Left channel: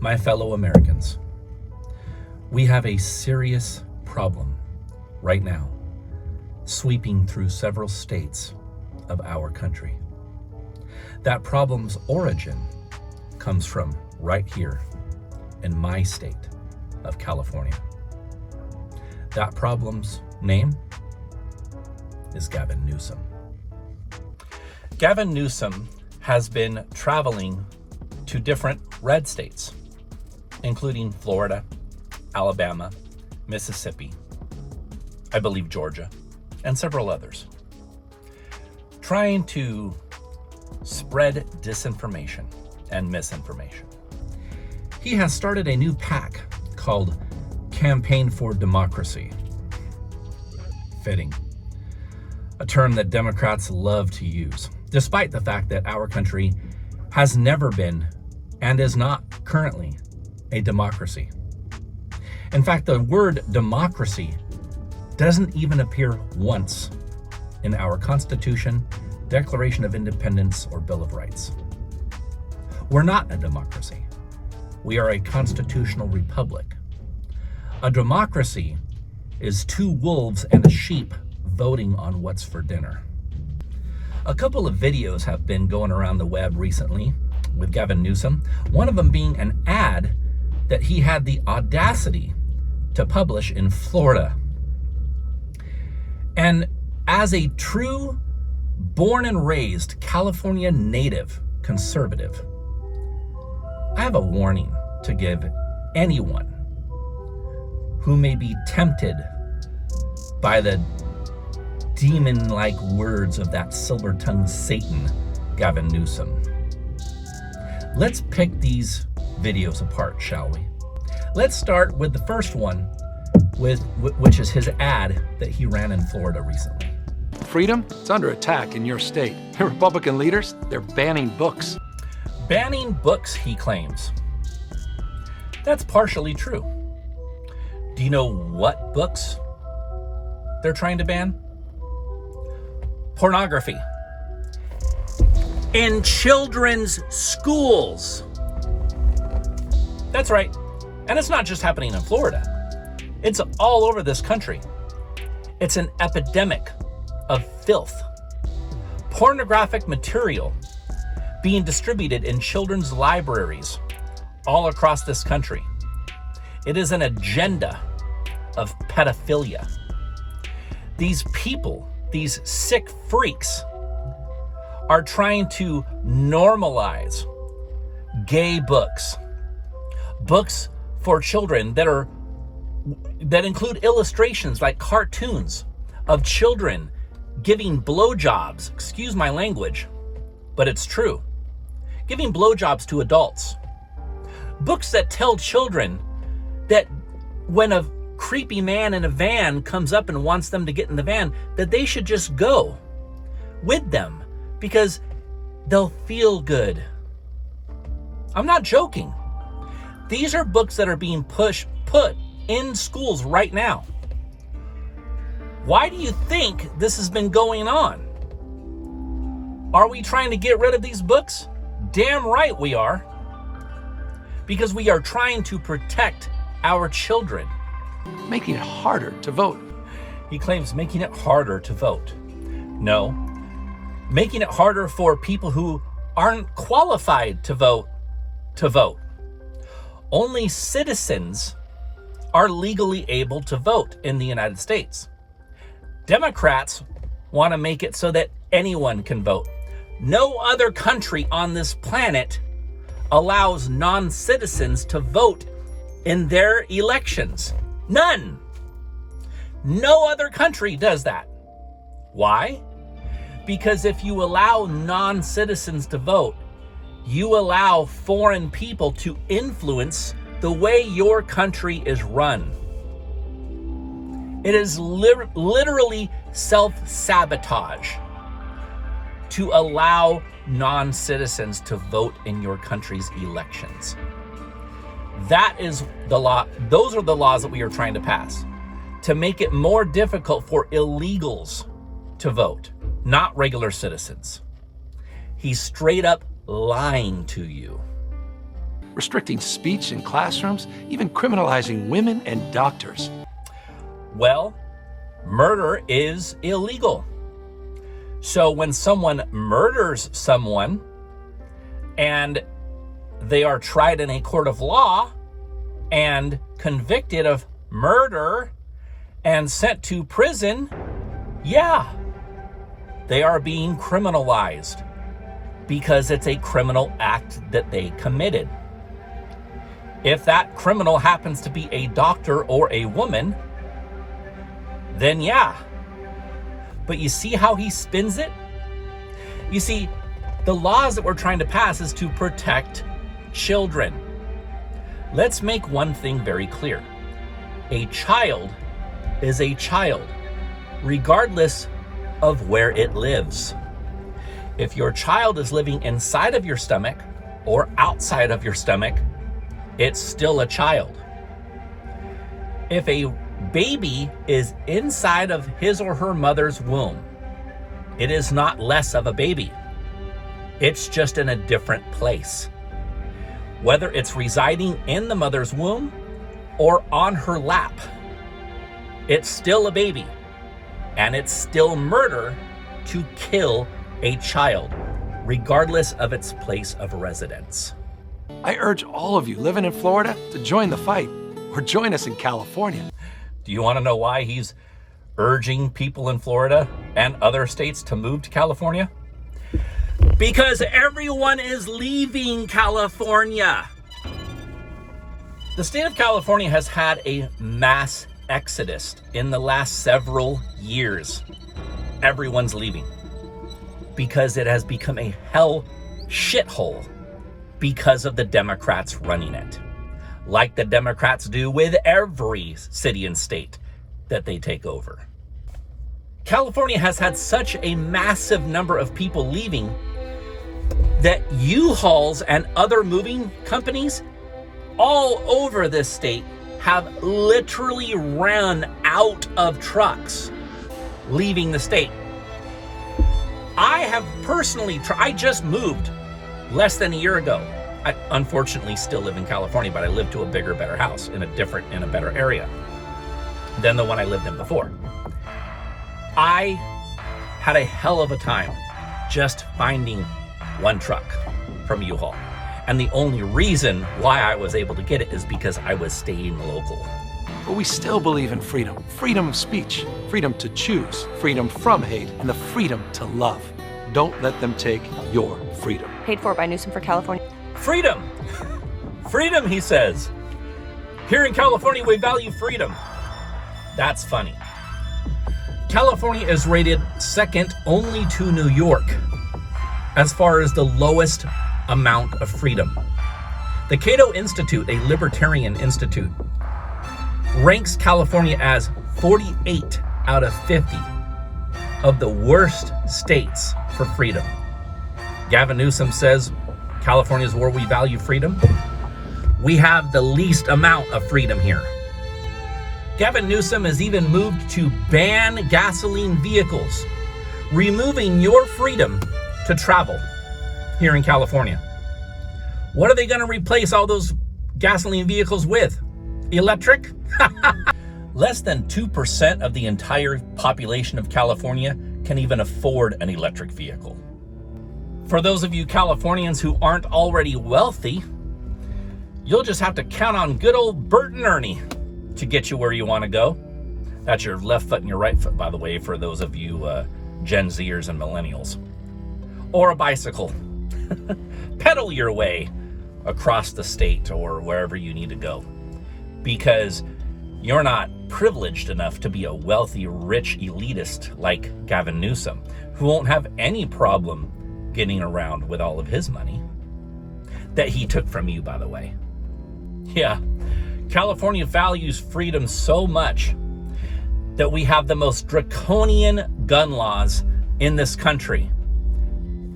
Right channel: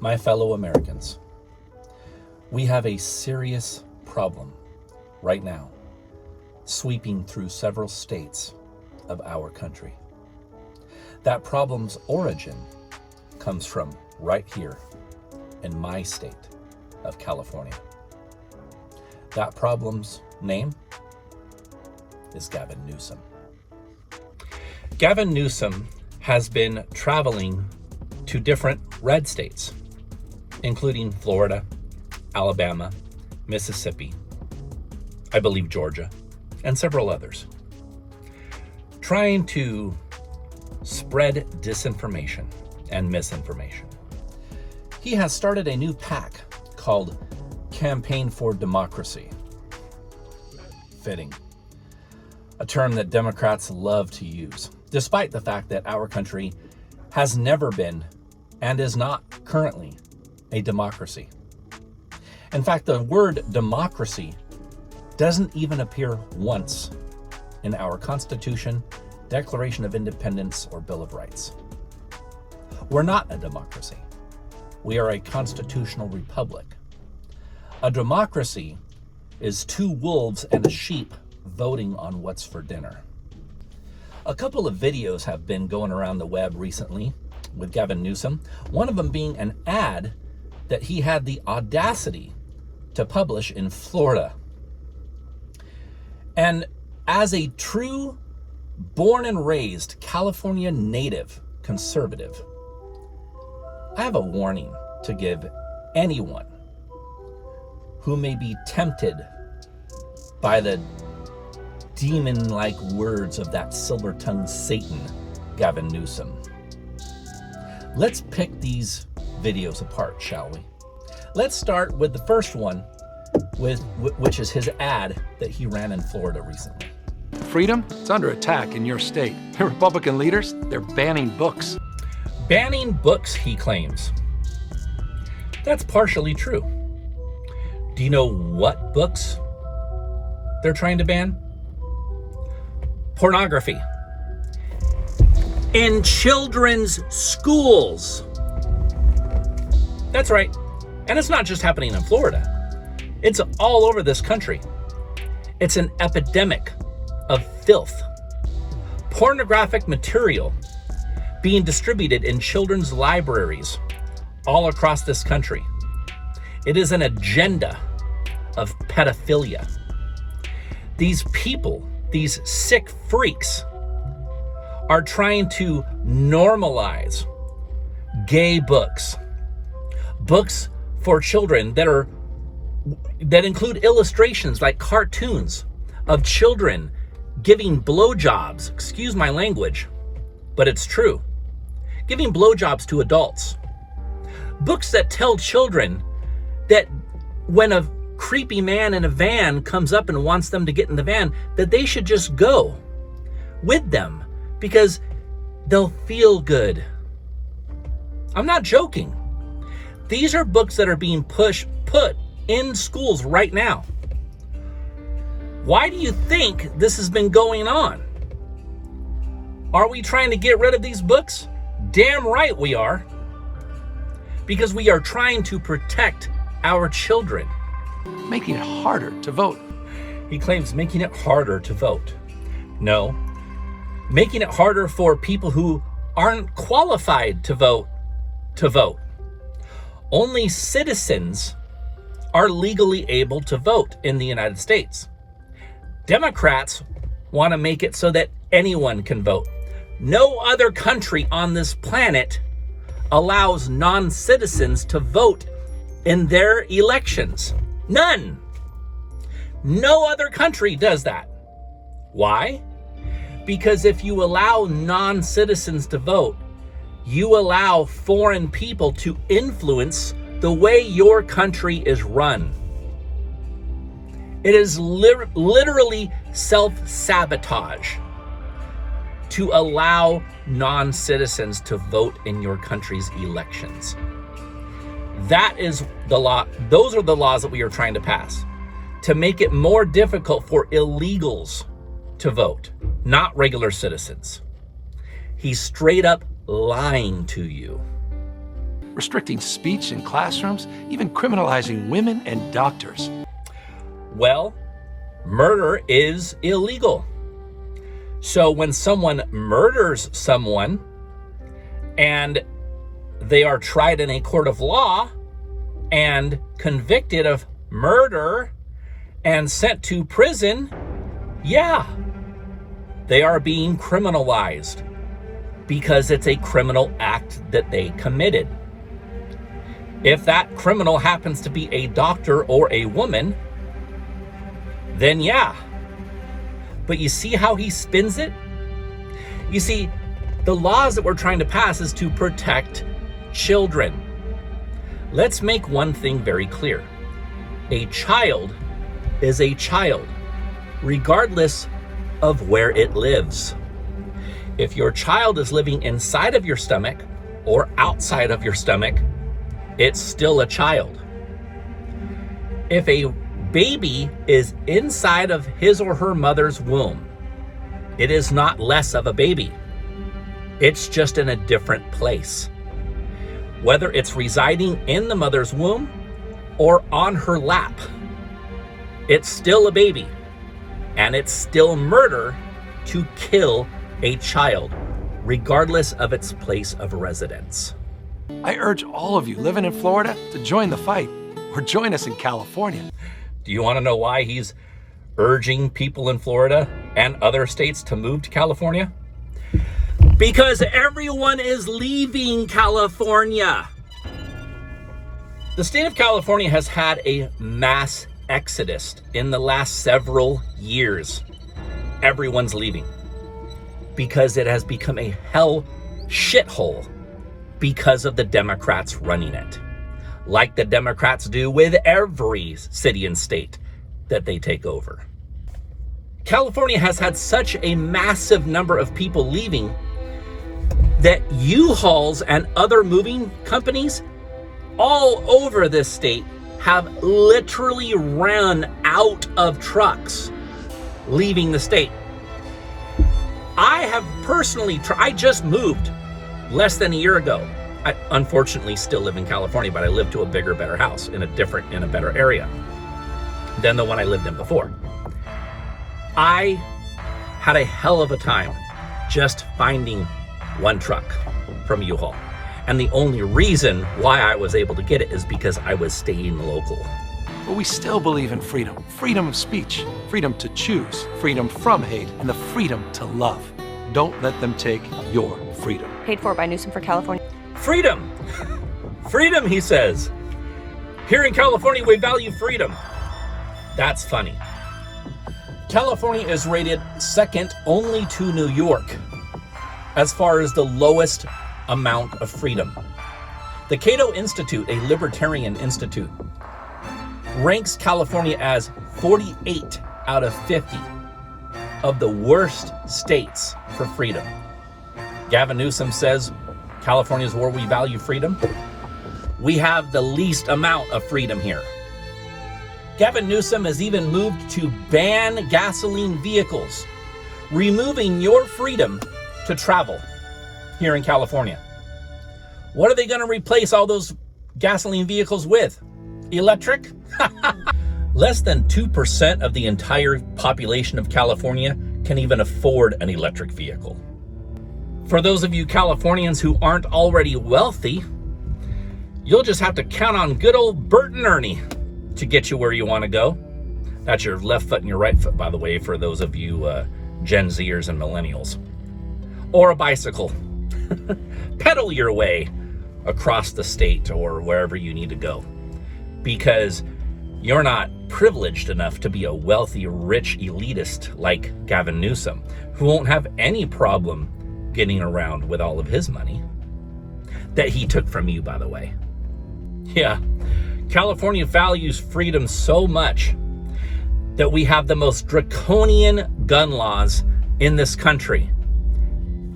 My fellow Americans, we have a serious problem right now sweeping through several states of our country. That problem's origin comes from right here in my state of California. That problem's name is Gavin Newsom. Gavin Newsom has been traveling to different red states, including Florida, Alabama, Mississippi, I believe Georgia, and several others, trying to spread disinformation and misinformation. He has started a new PAC called Campaign for Democracy. Fitting. A term that Democrats love to use, despite the fact that our country has never been and is not currently a democracy. In fact, the word democracy doesn't even appear once in our Constitution, Declaration of Independence, or Bill of Rights. We're not a democracy. We are a constitutional republic. A democracy is two wolves and a sheep voting on what's for dinner. A couple of videos have been going around the web recently with Gavin Newsom, one of them being an ad that he had the audacity to publish in Florida. And as a true born and raised California native conservative, I have a warning to give anyone who may be tempted by the demon-like words of that silver-tongued Satan, Gavin Newsom. Let's pick these videos apart, shall we? Let's start with the first one, which is his ad that he ran in Florida recently. Freedom? It's under attack in your state. The Republican leaders, they're banning books. Banning books, he claims. That's partially true. Do you know what books they're trying to ban? Pornography. In children's schools. That's right. And it's not just happening in Florida. It's all over this country. It's an epidemic of filth. Pornographic material being distributed in children's libraries all across this country. It is an agenda of pedophilia. These people, these sick freaks, are trying to normalize gay books. Books for children that include illustrations like cartoons of children giving blowjobs. Excuse my language, but it's true. Giving blowjobs to adults. Books that tell children that when a creepy man in a van comes up and wants them to get in the van, that they should just go with them because they'll feel good. I'm not joking. These are books that are being put in schools right now. Why do you think this has been going on? Are we trying to get rid of these books? Damn right we are. Because we are trying to protect our children. Making it harder to vote. He claims making it harder to vote. No, making it harder for people who aren't qualified to vote to vote. Only citizens are legally able to vote in the United States. Democrats want to make it so that anyone can vote. No other country on this planet allows non-citizens to vote in their elections. None. No other country does that. Why? Because if you allow non-citizens to vote, you allow foreign people to influence the way your country is run. It is literally self-sabotage to allow non-citizens to vote in your country's elections. That is the law. Those are the laws that we are trying to pass to make it more difficult for illegals to vote, not regular citizens. He's straight up lying to you. restricting speech in classrooms, even criminalizing women and doctors. Well, murder is illegal. So when someone murders someone and they are tried in a court of law and convicted of murder and sent to prison, yeah, they are being criminalized because it's a criminal act that they committed. If that criminal happens to be a doctor or a woman, then yeah. But you see how he spins it? You see, the laws that we're trying to pass is to protect children. Let's make one thing very clear. A child is a child, regardless of where it lives. If your child is living inside of your stomach or outside of your stomach, it's still a child. If a baby is inside of his or her mother's womb, it is not less of a baby. It's just in a different place. Whether it's residing in the mother's womb or on her lap, it's still a baby, and it's still murder to kill a child, regardless of its place of residence. I urge all of you living in Florida to join the fight, or join us in California. Do you want to know why he's urging people in Florida and other states to move to California? Because everyone is leaving California. The state of California has had a mass exodus in the last several years. Everyone's leaving because it has become a hell shithole because of the Democrats running it, like the Democrats do with every city and state that they take over. California has had such a massive number of people leaving that U-Hauls and other moving companies all over this state have literally run out of trucks leaving the state. I have personally I just moved less than a year ago. I unfortunately still live in California, but I live to a bigger, better house in a better area than the one I lived in before. I had a hell of a time just finding one truck from U-Haul. And the only reason why I was able to get it is because I was staying local. But we still believe in freedom. Freedom of speech, freedom to choose, freedom from hate, and the freedom to love. Don't let them take your freedom. Paid for by Newsom for California. Freedom! Freedom, he says. Here in California, we value freedom. That's funny. California is rated second only to New York as far as the lowest amount of freedom. The Cato Institute, a libertarian institute, ranks California as 48 out of 50 of the worst states for freedom. Gavin Newsom says California is where we value freedom. We have the least amount of freedom here. Gavin Newsom has even moved to ban gasoline vehicles, removing your freedom to travel here in California. What are they going to replace all those gasoline vehicles with? Electric? Less than 2% of the entire population of California can even afford an electric vehicle. For those of you Californians who aren't already wealthy, you'll just have to count on good old Bert and Ernie to get you where you want to go. That's your left foot and your right foot, by the way, for those of you Gen Zers and millennials. Or a bicycle. Pedal your way across the state or wherever you need to go, because you're not privileged enough to be a wealthy, rich elitist like Gavin Newsom, who won't have any problem getting around with all of his money that he took from you, by the way. Yeah, California values freedom so much that we have the most draconian gun laws in this country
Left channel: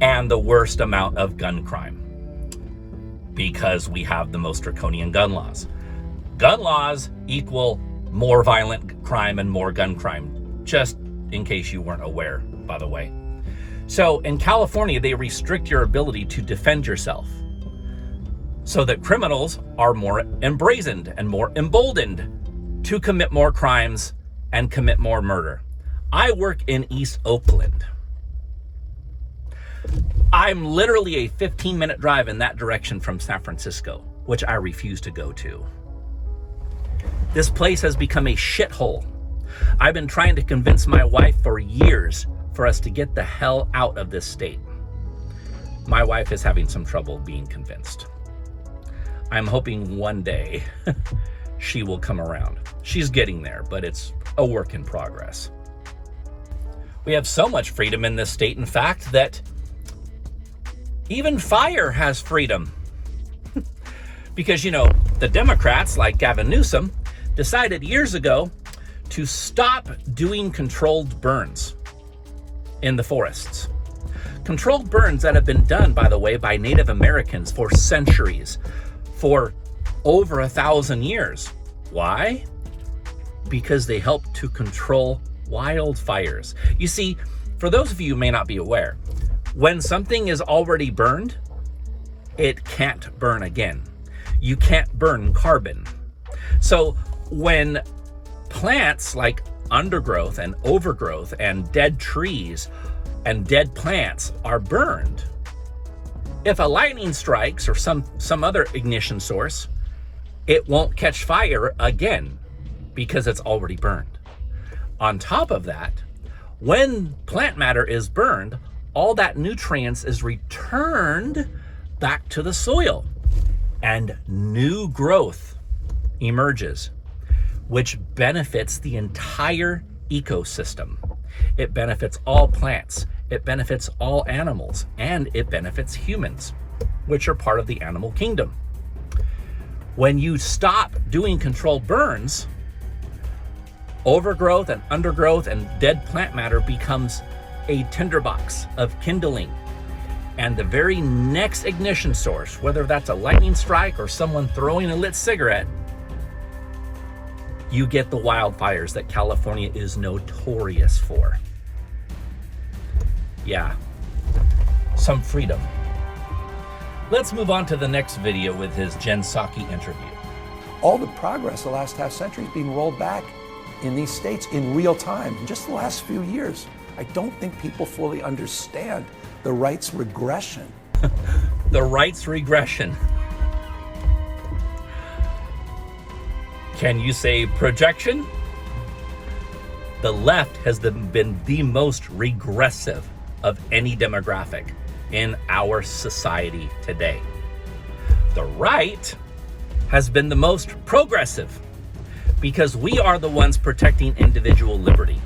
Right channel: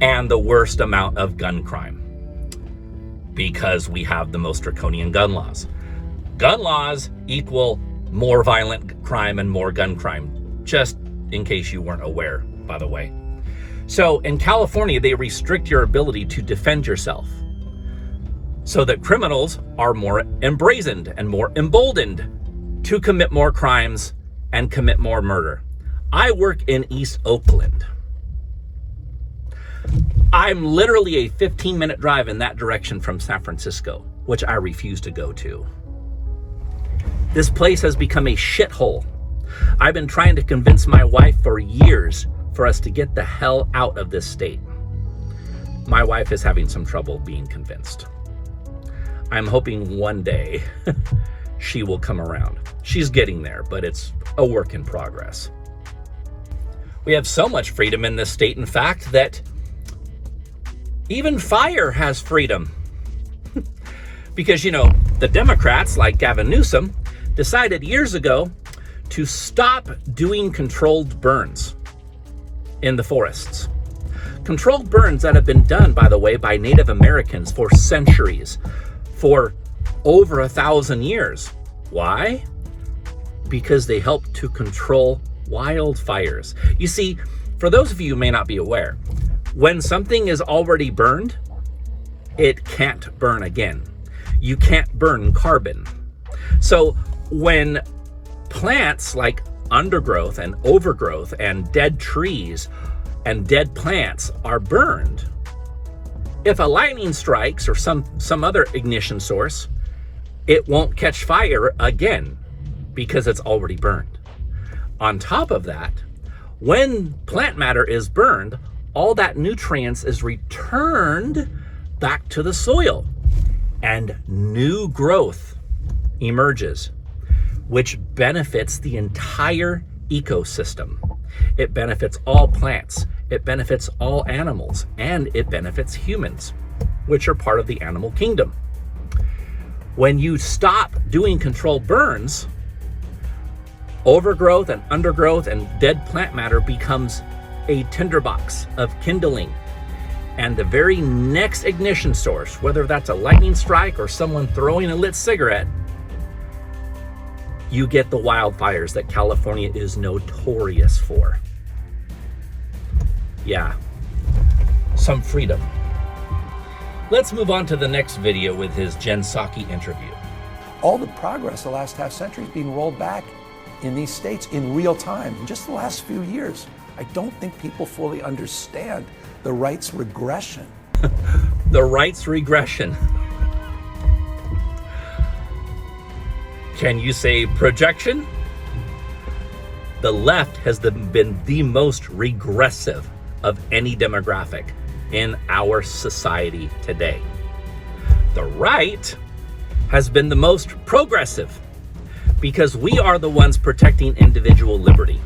and the worst amount of gun crime, because we have the most draconian gun laws. Gun laws equal more violent crime and more gun crime, just in case you weren't aware, by the way. So in California, they restrict your ability to defend yourself. so that criminals are more embrazened and more emboldened to commit more crimes and commit more murder. I work in East Oakland. I'm literally a 15-minute drive in that direction from San Francisco, which I refuse to go to. This place has become a shithole. I've been trying to convince my wife for years for us to get the hell out of this state. My wife is having some trouble being convinced. I'm hoping one day she will come around. She's getting there, but it's a work in progress. We have so much freedom in this state, in fact, that even fire has freedom. Because, the Democrats, like Gavin Newsom, decided years ago to stop doing controlled burns in the forests. Controlled burns that have been done, by the way, by Native Americans for centuries, for over 1,000 years. Why? Because they help to control wildfires. You see, for those of you who may not be aware, when something is already burned, it can't burn again. You can't burn carbon. So when plants like undergrowth and overgrowth and dead trees and dead plants are burned, if a lightning strikes or some other ignition source, it won't catch fire again because it's already burned. On top of that, when plant matter is burned, all that nutrients is returned back to the soil and new growth emerges, which benefits the entire ecosystem. It benefits all plants, it benefits all animals, and it benefits humans, which are part of the animal kingdom. When you stop doing controlled burns, overgrowth and undergrowth and dead plant matter becomes a tinderbox of kindling. And the very next ignition source, whether that's a lightning strike or someone throwing a lit cigarette, you get the wildfires that California is notorious for. Yeah, some freedom. Let's move on to the next video with his Jen Psaki interview. All the progress the last half century is being rolled back in these states in real time in just the last few years. I don't think people fully understand the rights regression. The rights regression. Can you say projection? The left has been the most regressive of any demographic in our society today. The right has been the most progressive because we are the ones protecting individual liberty.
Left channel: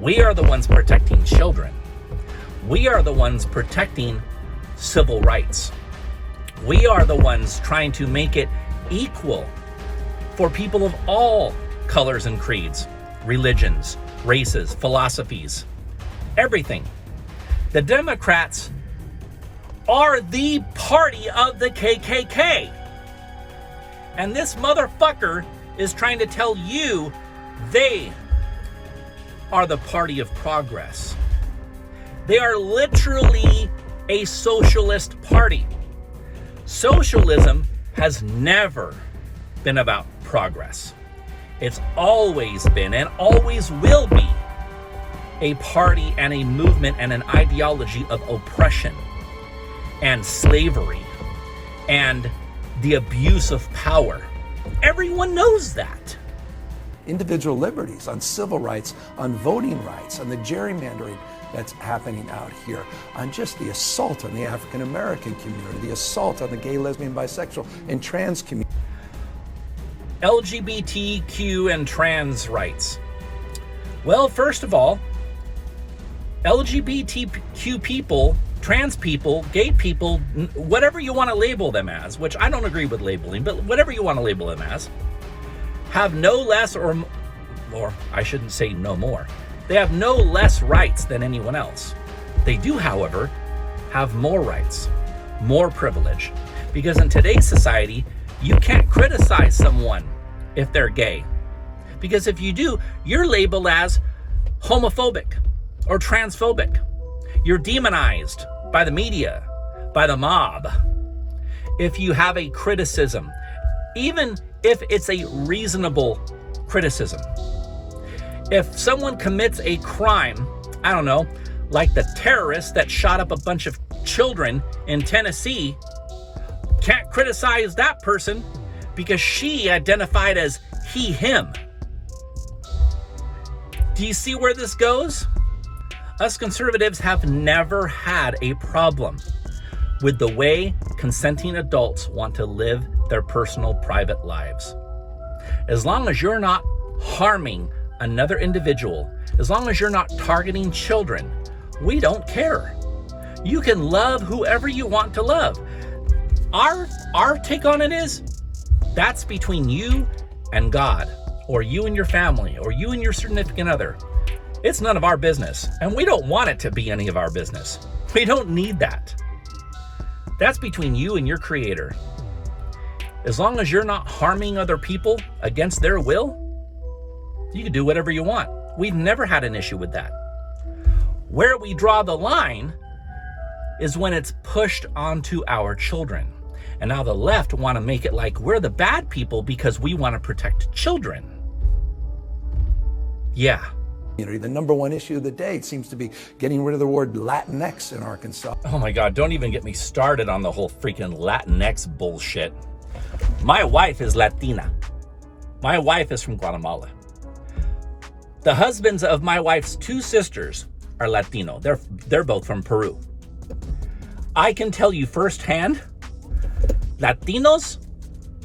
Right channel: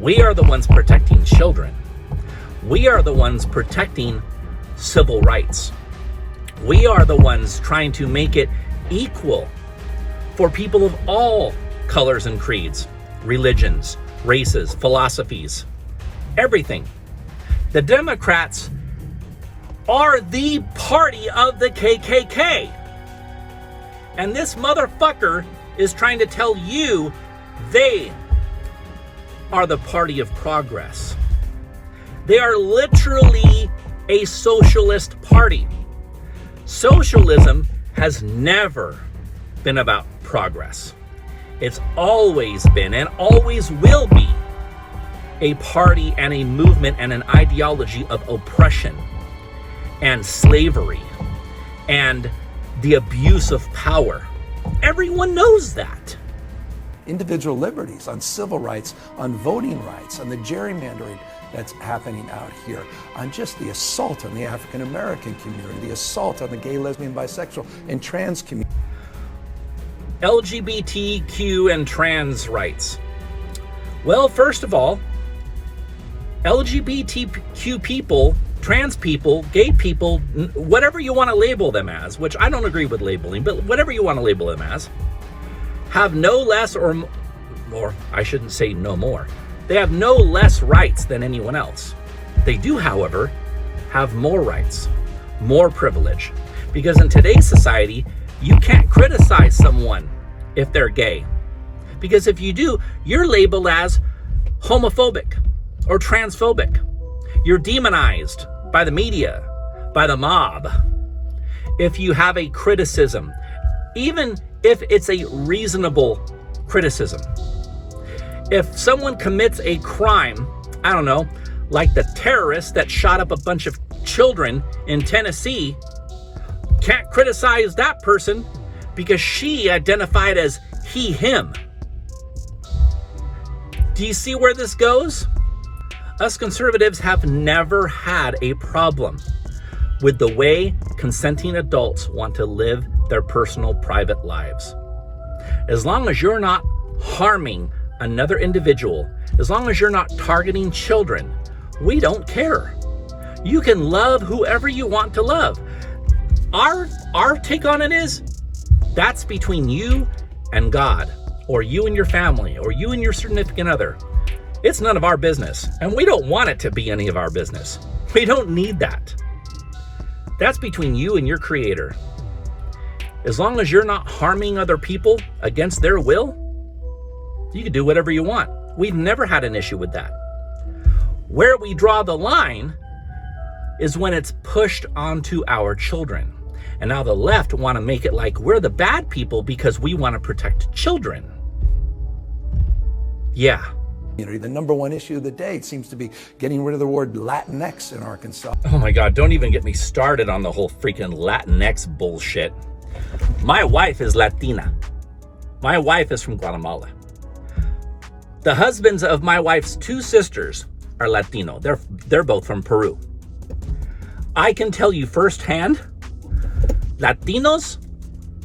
We are the ones protecting children. We are the ones protecting civil rights. We are the ones trying to make it equal for people of all colors and creeds, religions, races, philosophies, everything. The Democrats are the party of the KKK. And this motherfucker is trying to tell you they are the party of progress. They are literally a socialist party. Socialism has never been about progress. It's always been and always will be a party and a movement and an ideology of oppression and slavery and the abuse of power. Everyone knows that. Individual liberties, on civil rights, on voting rights, on the gerrymandering that's happening out here, on just the assault on the African American community, the assault on the gay, lesbian, bisexual, and trans community. LGBTQ and trans rights. Well, first of all, LGBTQ people, trans people, gay people, whatever you want to label them as, which I don't agree with labeling, but whatever you want to label them as, have no less or I shouldn't say no more. They have no less rights than anyone else. They do, however, have more rights, more privilege, because in today's society, you can't criticize someone if they're gay, because if you do, you're labeled as homophobic or transphobic. You're demonized by the media, by the mob. if you have a criticism, even if it's a reasonable criticism. If someone commits a crime, I don't know, like the terrorist that shot up a bunch of children in Tennessee, can't criticize that person because she identified as he, him. Do you see where this goes? Us conservatives have never had a problem with the way consenting adults want to live their personal private lives. As long as you're not harming another individual, as long as you're not targeting children, we don't care. You can love whoever you want to love. Our take on it is, that's between you and God, or you and your family, or you and your significant other. It's none of our business, and we don't want it to be any of our business. We don't need that. That's between you and your Creator. As long as you're not harming other people against their will, you can do whatever you want. We've never had an issue with that. Where we draw the line is when it's pushed onto our children. And now the left want to make it like we're the bad people because we want to protect children. Yeah. The number one issue of the day seems to be getting rid of the word Latinx in Arkansas. Oh my God, don't even get me started on the whole freaking Latinx bullshit. My wife is Latina. My wife is from Guatemala. The husbands of my wife's two sisters are Latino. They're both from Peru. I can tell you firsthand, Latinos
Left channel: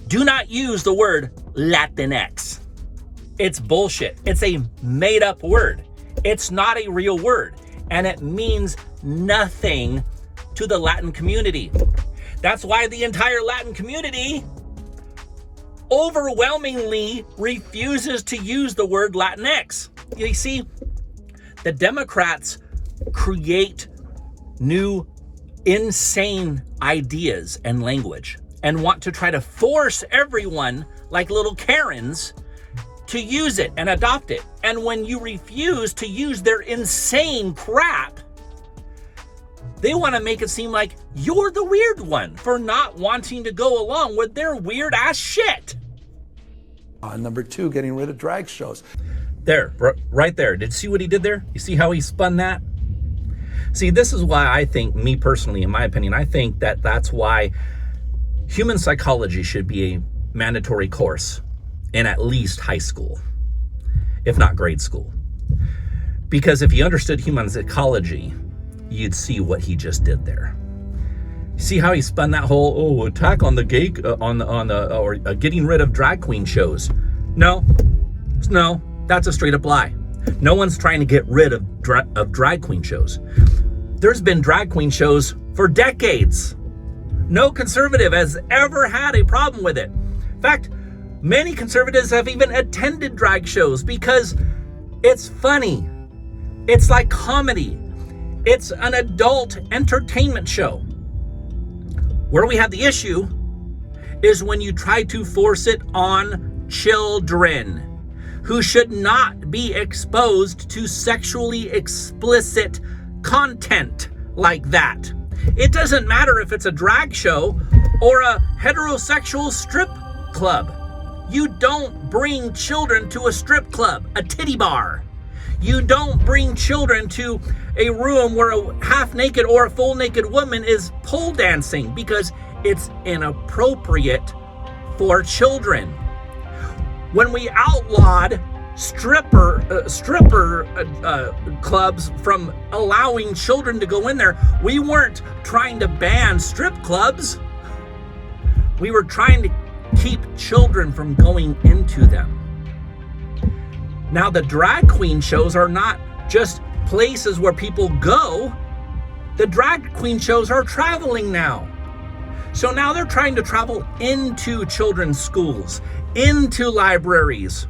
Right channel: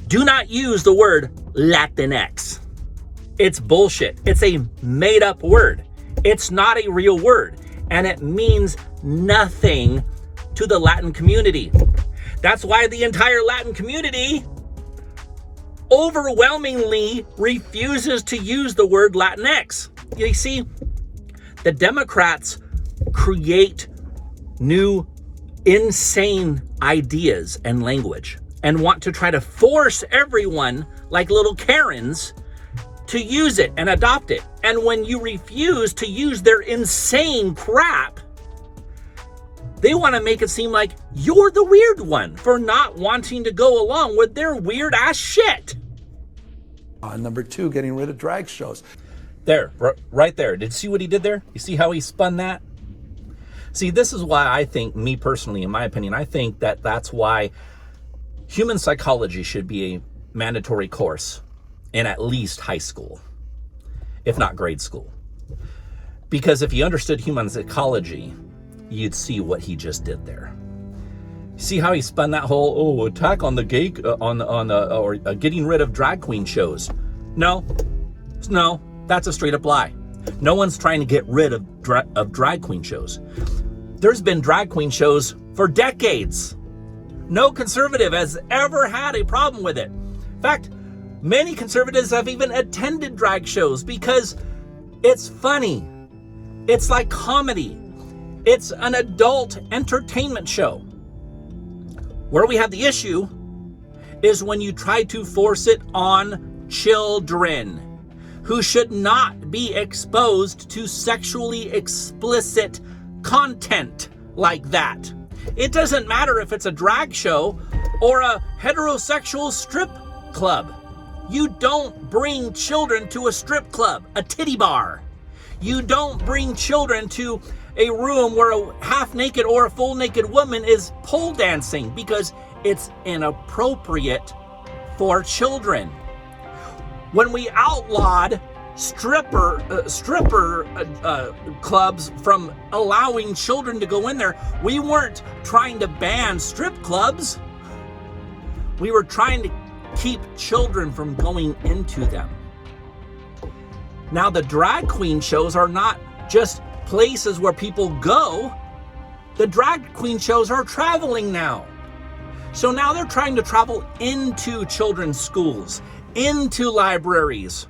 do not use the word Latinx. It's bullshit. It's a made up word. It's not a real word, and it means nothing to the Latin community. That's why the entire Latin community overwhelmingly refuses to use the word Latinx. You see, the Democrats create new insane ideas and language and want to try to force everyone like little Karens to use it and adopt it. And when you refuse to use their insane crap, they want to make it seem like you're the weird one for not wanting to go along with their weird ass shit. Number two, getting rid of drag shows. There, right there. Did you see what he did there? You see how he spun that? See, this is why I think, me personally, in my opinion, I think that that's why human psychology should be a mandatory course in at least high school, if not grade school. Because if you understood human psychology, you'd see what he just did there. See how he spun that whole attack on the gay or getting rid of drag queen shows? No, that's a straight up lie. No one's trying to get rid of drag queen shows. There's been drag queen shows for decades. No conservative has ever had a problem with it. In fact, many conservatives have even attended drag shows because it's funny. It's like comedy. It's an adult entertainment show. Where we have the issue is when you try to force it on children who should not be exposed to sexually explicit content like that. It doesn't matter if it's a drag show or a heterosexual strip club. You don't bring children to a strip club, a titty bar. You don't bring children to a room where a half-naked or a full-naked woman is pole dancing because it's inappropriate for children. When we outlawed stripper clubs from allowing children to go in there, we weren't trying to ban strip clubs. We were trying to keep children from going into them. Now, the drag queen shows are not just places where people go. The drag queen shows are traveling now. So now they're trying to travel into children's schools, into libraries,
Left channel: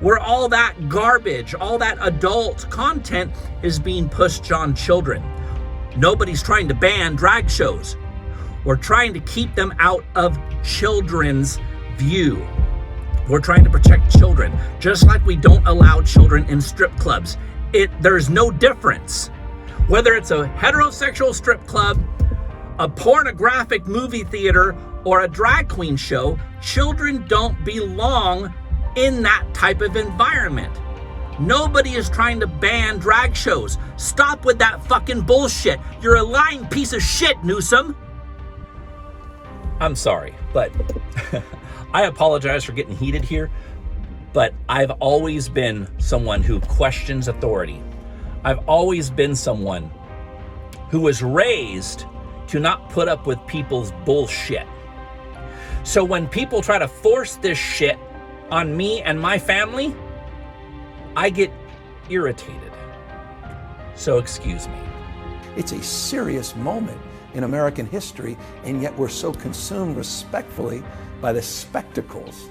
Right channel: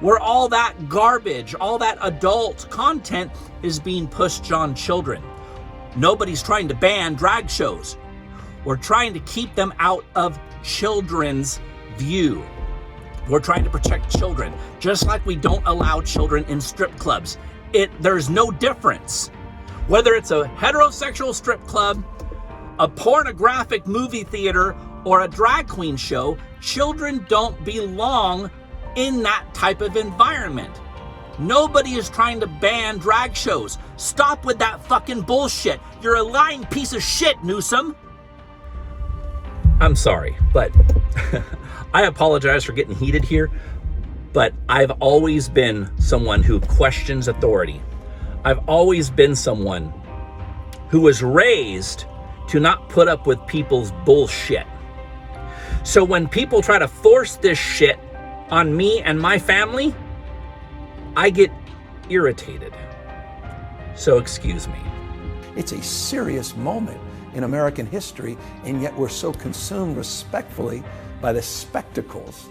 where all that garbage, all that adult content is being pushed on children. Nobody's trying to ban drag shows. We're trying to keep them out of children's view. We're trying to protect children, just like we don't allow children in strip clubs. There's no difference. Whether it's a heterosexual strip club a pornographic movie theater or a drag queen show, children don't belong in that type of environment. Nobody is trying to ban drag shows. Stop with that fucking bullshit. You're a lying piece of shit, Newsom. I'm sorry, but I apologize for getting heated here, but I've always been someone who questions authority. I've always been someone who was raised to not put up with people's bullshit. So when people try to force this shit on me and my family, I get irritated. So excuse me. It's a serious moment in American history, and yet we're so consumed respectfully by the spectacles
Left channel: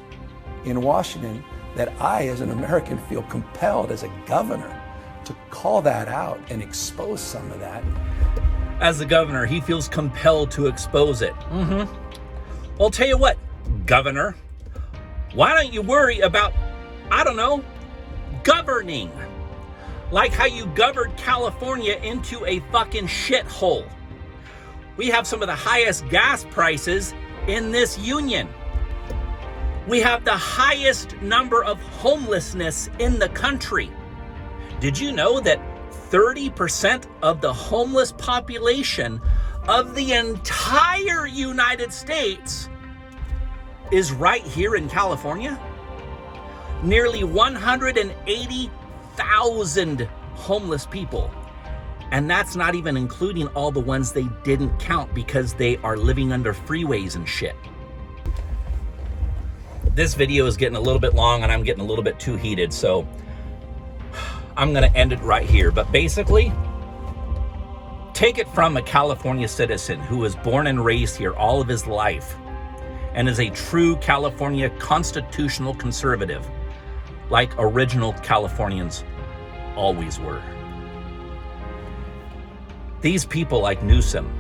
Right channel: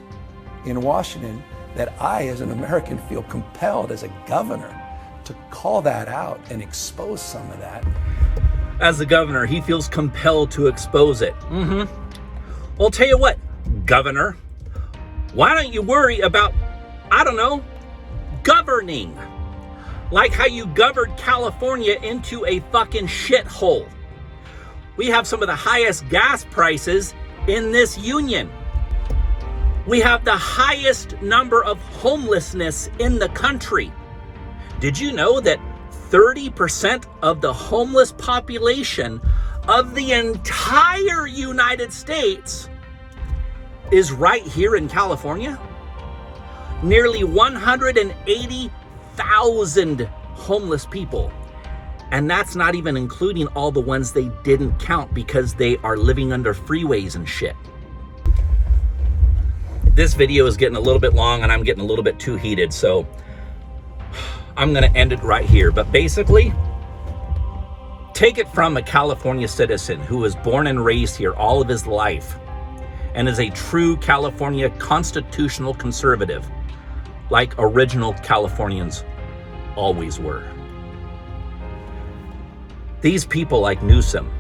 in Washington that I, as an American, feel compelled as a governor to call that out and expose some of that. As the governor, he feels compelled to expose it. Well, I'll tell you what, Governor, why don't you worry about, I don't know, governing? Like how you governed California into a fucking shithole. We have some of the highest gas prices in this union. We have the highest number of homelessness in the country. Did you know that 30% of the homeless population of the entire United States is right here in California? Nearly 180,000 homeless people. And that's not even including all the ones they didn't count because they are living under freeways and shit. This video is getting a little bit long and I'm getting a little bit too heated, so I'm gonna end it right here. But basically, take it from a California citizen who was born and raised here all of his life and is a true California constitutional conservative, like original Californians always were. These people like Newsom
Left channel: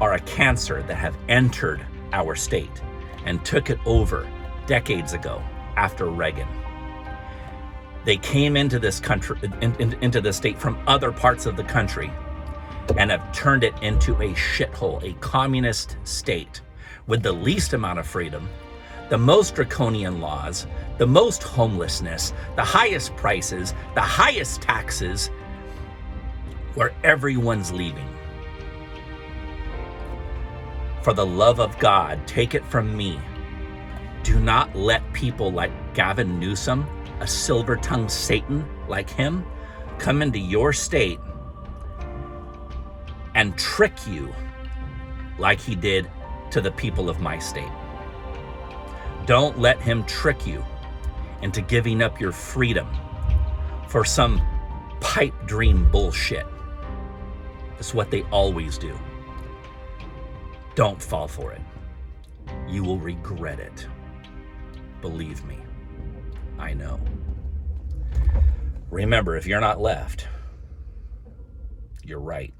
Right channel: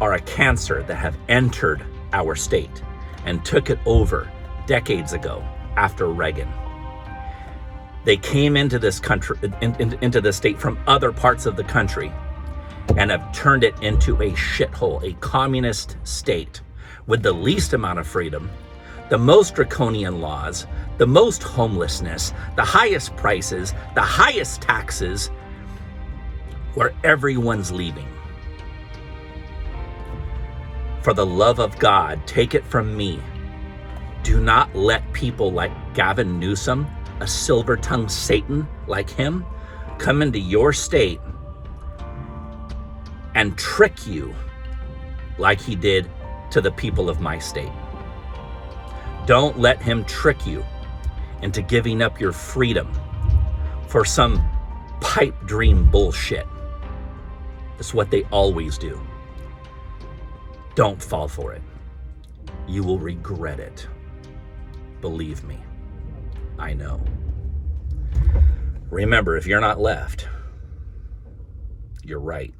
are a cancer that have entered our state and took it over decades ago after Reagan. They came into this country, into the state from other parts of the country and have turned it into a shithole, a communist state with the least amount of freedom, the most draconian laws, the most homelessness, the highest prices, the highest taxes, where everyone's leaving. For the love of God, take it from me. Do not let people like Gavin Newsom, a silver-tongued Satan like him, come into your state and trick you like he did to the people of my state. Don't let him trick you into giving up your freedom for some pipe dream bullshit. That's what they always do. Don't fall for it. You will regret it. Believe me, I know. Remember, if you're not left, you're right.